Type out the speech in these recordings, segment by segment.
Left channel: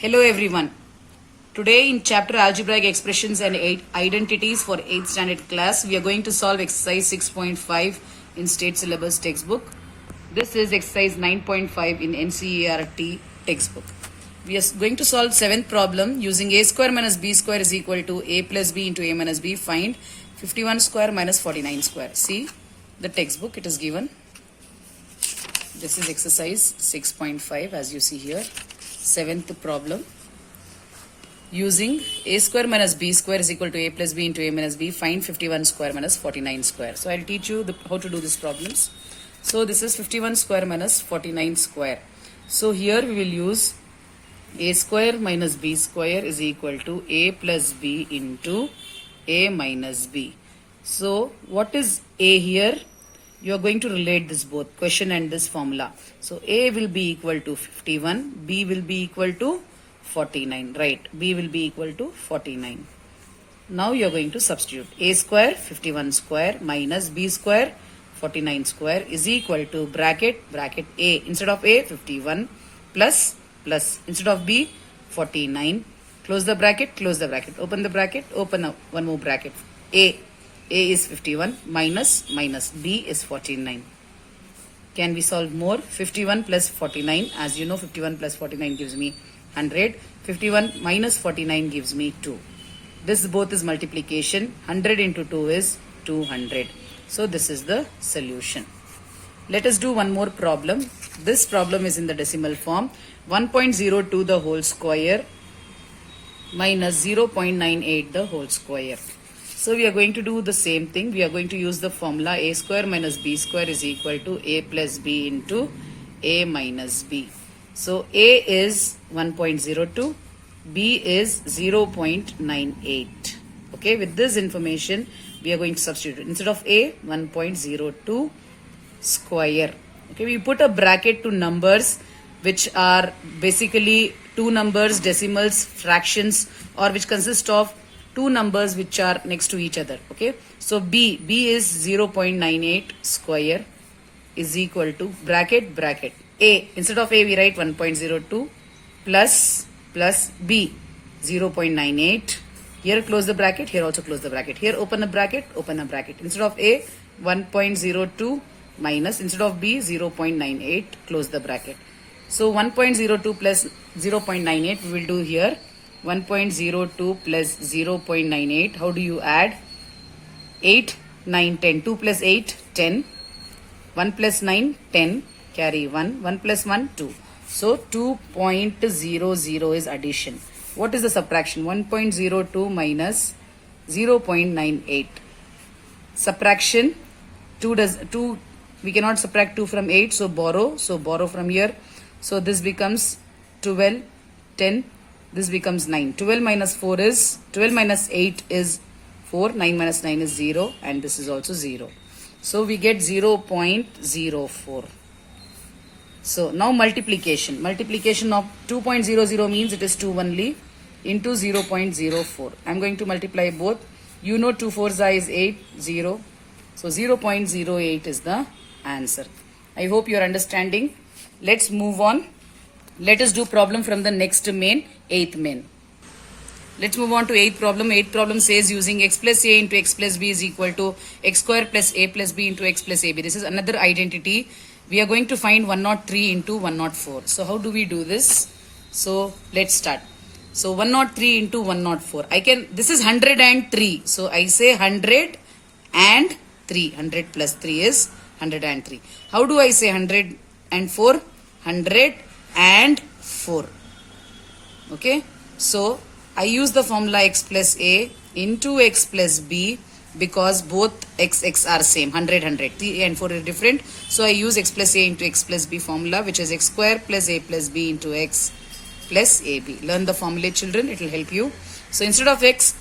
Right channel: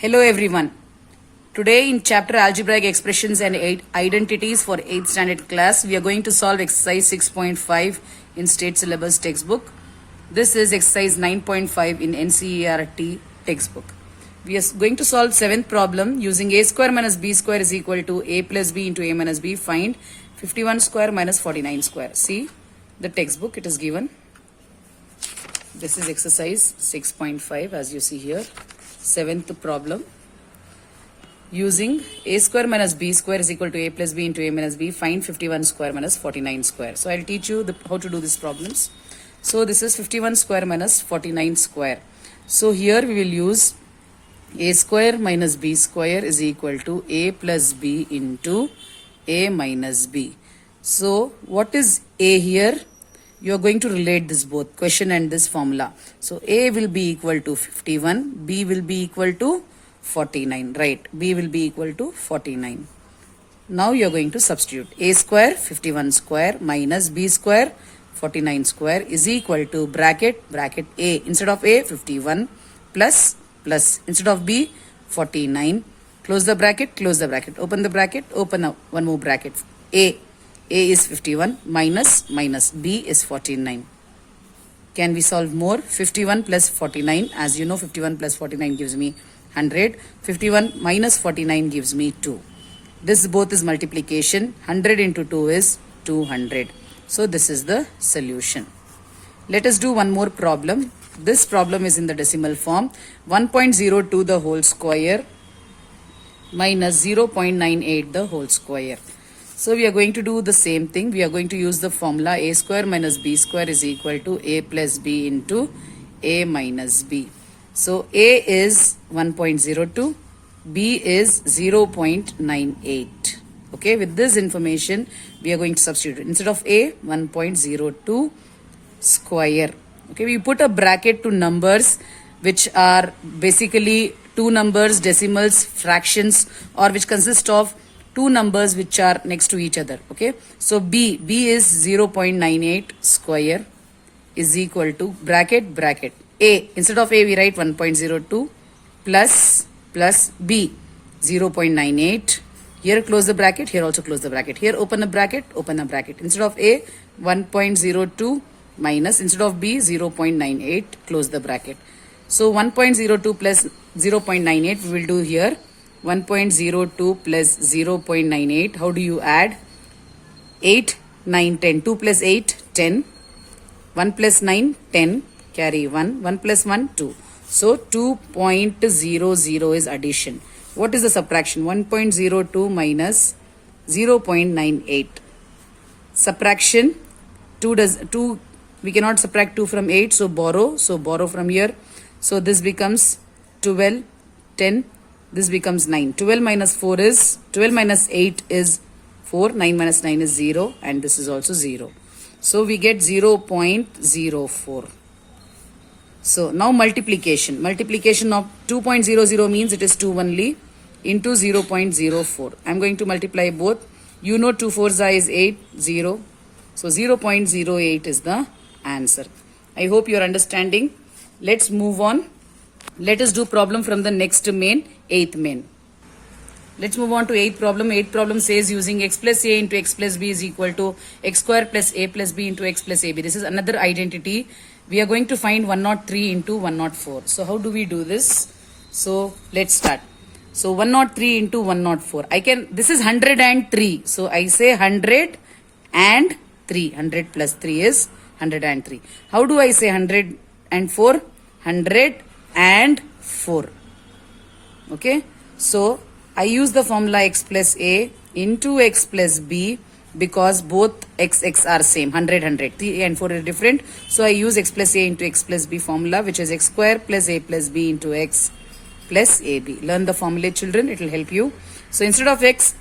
Hello everyone. Today in chapter Algebraic Expressions and Identities for 8th standard class, we are going to solve exercise 6.5 in state syllabus textbook. This is exercise 9.5 in NCERT textbook. We are going to solve 7th problem using a square minus b square is equal to a plus b into a minus b. Find 51 square minus 49 square. See the textbook, it is given. This is exercise 6.5 as you see here. 7th problem. Using a square minus b square is equal to a plus b into a minus b. Find 51 square minus 49 square. So I'll teach you how to do these problems. So this is 51 square minus 49 square. So here we will use a square minus b square is equal to a plus b into a minus b. So what is a here? You are going to relate this both question and this formula. So a will be equal to 51, b will be equal to 49, right? B will be equal to 49. Now you are going to substitute a square 51 square minus b square 49 square is equal to bracket a, instead of a 51 plus instead of b 49, close the bracket, open the bracket, open up one more bracket. A is 51 minus b is 49. Can we solve more? 51 plus 49, as you know 51 plus 49 gives me 100. 51 minus 49 gives me 2. This both is multiplication. 100 into 2 is 200. So this is the solution. Let us do one more problem. This problem is in the decimal form. 1.02 the whole square minus 0.98 the whole square. So we are going to do the same thing. We are going to use the formula a square minus b square is equal to a plus b into a minus b. So a is 1.02, b is 0.98. Okay, with this information we are going to substitute. Instead of a, 1.02 square. Okay, we put a bracket to numbers which are basically two numbers, decimals, fractions, or which consist of two numbers which are next to each other. Okay, so b is 0.98 square is equal to bracket a, instead of a we write 1.02 plus b 0.98. Here close the bracket, here also close the bracket, here open a bracket, instead of a 1.02 minus, instead of b 0.98, close the bracket. So 1.02 plus 0.98 we will do here. 1.02 plus 0.98. How do you add? 8, 9, 10. 2 plus 8, 10. 1 plus 9, 10. Carry 1. 1 plus 1, 2. So 2.00 is addition. What is the subtraction? 1.02 minus 0.98. Subtraction. 2 we cannot subtract 2 from 8. So borrow. So borrow from here. So this becomes 12, 10. This becomes 9. 12 minus 4 is, 12 minus 8 is 4. 9 minus 9 is 0. And this is also 0. So we get 0.04. So now multiplication. Multiplication of 2.00 means it is 2 only into 0.04. I am going to multiply both. You know 2 4s is 8, 0. So 0.08 is the answer. I hope you are understanding. Let's move on. Let us do problem from the next main, 8th main. Let's move on to 8th problem. 8th problem says using x plus a into x plus b is equal to x square plus a plus b into x plus ab. This is another identity. We are going to find 103 into 104. So how do we do this? So let's start. So 103 into 104. This is 103. So I say 100 and 3. 100 plus 3 is 103. How do I say 104? 100 and 4. Okay, so I use the formula x plus a into x plus b because both x are same, 100 3 and 4 are different. So I use x plus a into x plus b formula, which is x square plus a plus b into x plus ab. Learn the formula, children, it will help you. So instead of x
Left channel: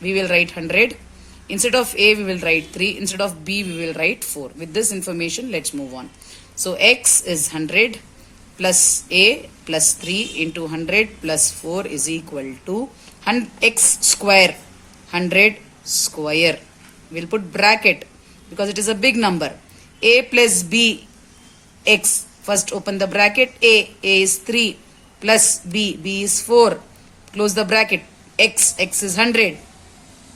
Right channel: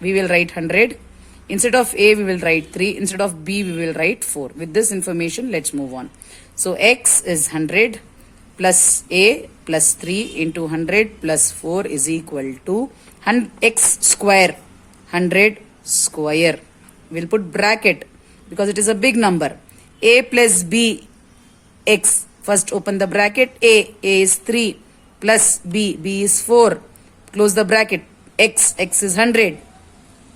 we will write 100, instead of a we will write 3, instead of b we will write 4. With this information let's move on. So x is 100 plus a plus 3 into 100 plus 4 is equal to x square, 100 square. We'll put bracket because it is a big number. A plus b x. First open the bracket. A is 3 plus B, B is 4, close the bracket, X is 100,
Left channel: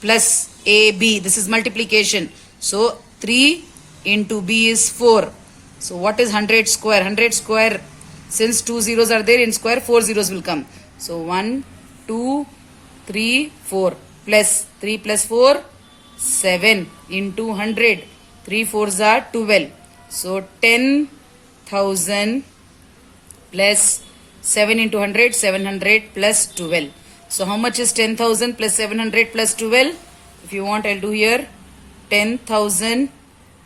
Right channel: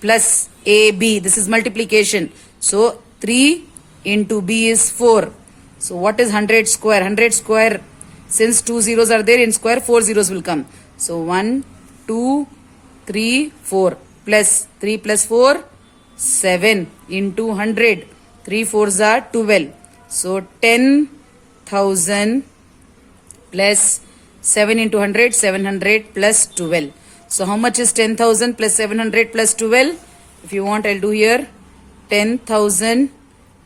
plus AB, this is multiplication. So 3 into B is 4. So what is 100 square? 100 square, since 2 zeros are there in square, 4 zeros will come. So 1, 2, 3, 4, plus 3 plus 4, 7 into 100. 3 4s are 12. So 10,000 plus 7 into 100, 700 plus 12. So how much is 10,000 plus 700 plus 12? If you want, I'll do here 10,000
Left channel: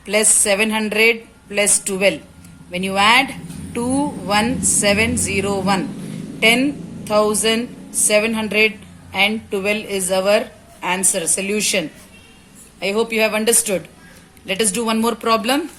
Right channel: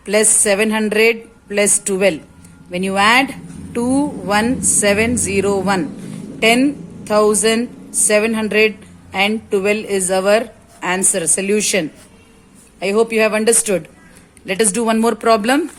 plus 700 plus 12. When you add 21701, 10,712 is our answer, solution. I hope you have understood. Let us do one more problem.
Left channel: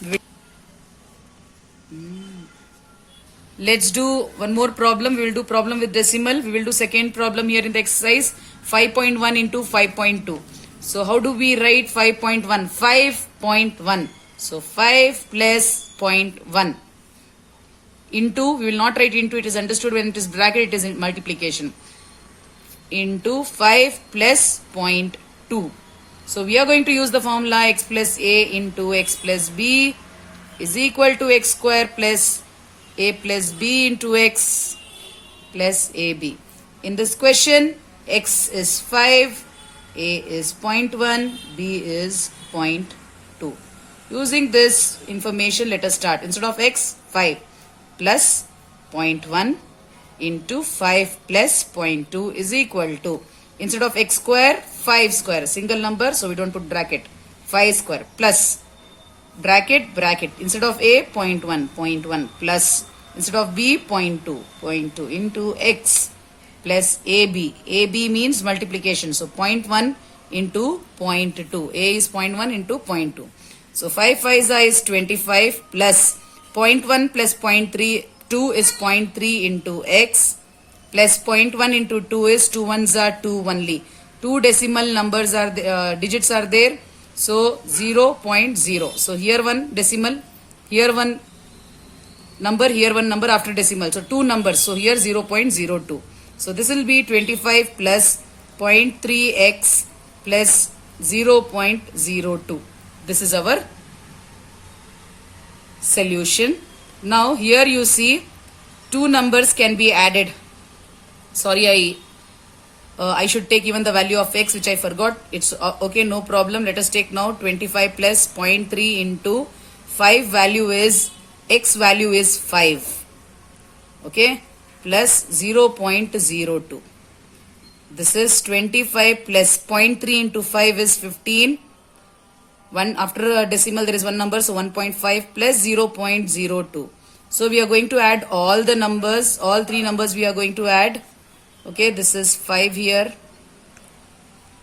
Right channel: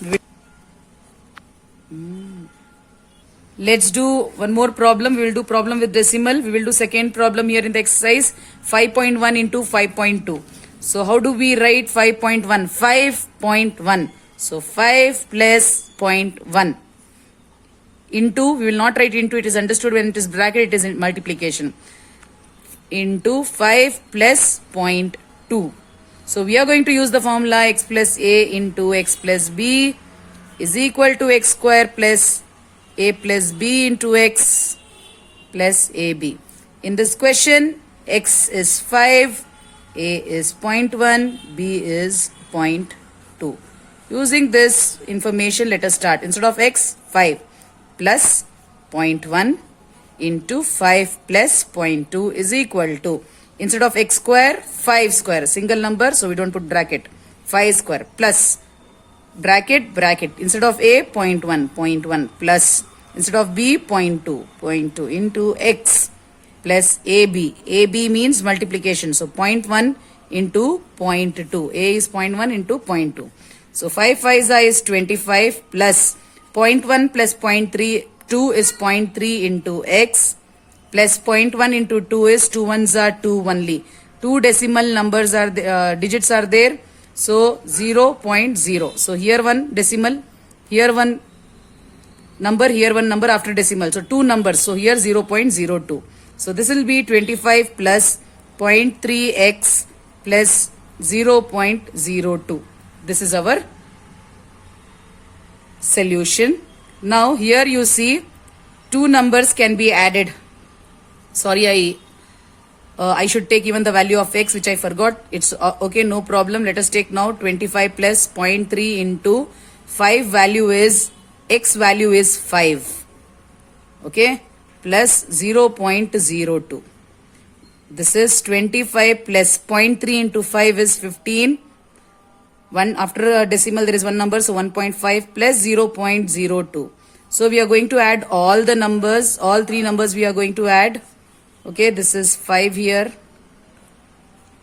Let's do one more problem. We will do problem with decimal. We will do second problem here in the exercise 5.1 into 5.2. So how do we write 5.1? 5.1. So 5 plus 0.1 into, we will not write into, it is understood when it is bracket, it is in multiplication, into 5 plus 0.2. So we are going to use the formula x plus a into x plus b is equal to x square plus a plus b into x plus ab. In this question, x is 5, a is 0.1, b is 0.2. Using this information, let us start. Instead of x, 5 plus 0.1 into 5 plus 0.2 is equal to, instead of x square, 5 square, single number, so we don't put bracket, 5 square plus bracket, bracket, instead of a, 0.1 plus, instead of b, 0.2 into x plus ab. ab means multiplication, so 0.1 into 0.2, a is 0.1 into 0.2. So 5 5s is 25 plus 0.1 plus 0.3, 2 is 0.3 into x plus 0.1 into 2 is 2 1s are 2 only. 2 decimal numbers are digits are there. So 0.0. So here one decimal, here one number, here one number after decimal. So 2 numbers. So here 0.02. So this will be 25 plus 0.3x plus 0.02. This is our solution. Now here you see 2 numbers can be added. Sorry, I should take even the value of x, which I forgot. It's okay, no problem. Let us take now 25 plus 0.3 into 5 value is, x value is 5. Okay, plus 0.02. This is 25 plus 0.3 into 5 is 15. One after a decimal there is one number, so 1.5 plus 0.02. So we are going to add all the numbers, all 3 numbers we are going to add. Okay, this is 5 here,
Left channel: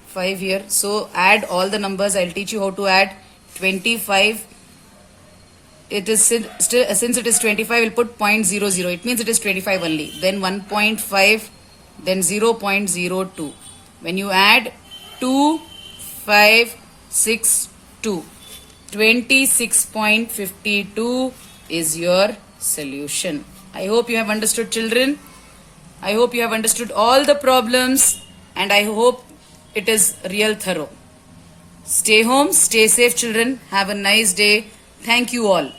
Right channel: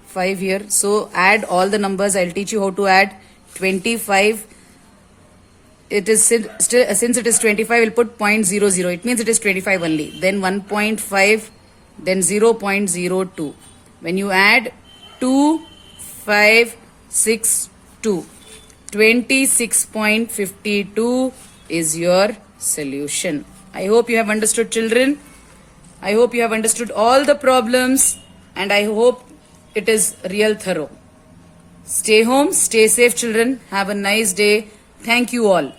5 here. So add all the numbers. I'll teach you how to add. 25. It is since it is 25, we'll put 0.00. It means it is 25 only. Then 1.5, then 0.02. When you add 2, 5, 6, 2, 26.52 is your solution. I hope you have understood, children. I hope you have understood all the problems, and I hope it is real thorough. Stay home, stay safe, children. Have a nice day. Thank you all.